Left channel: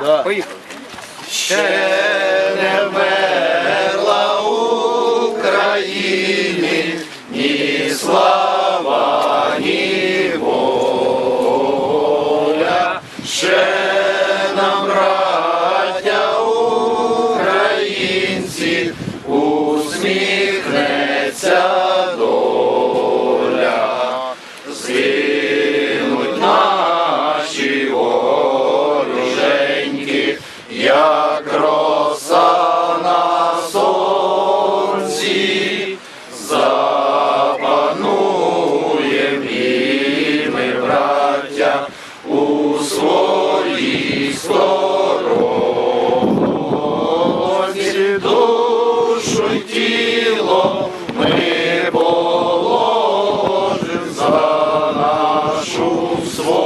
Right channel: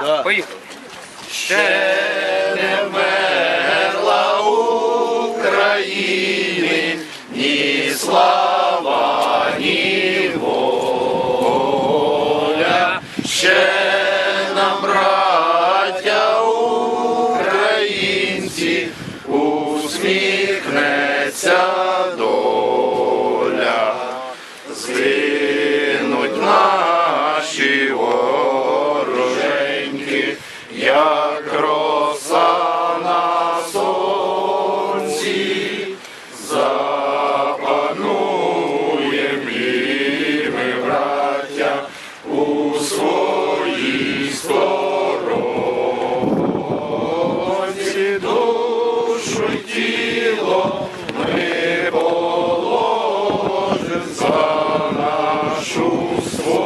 Да. Поїхали. Ще не вмерла України, ні слава, ні воля. Ще нам, браття українці, усміхнеться як роса на сонці, запануєм і ми, браття, у своїй сторонці душу тіло ми положим за нашу свободу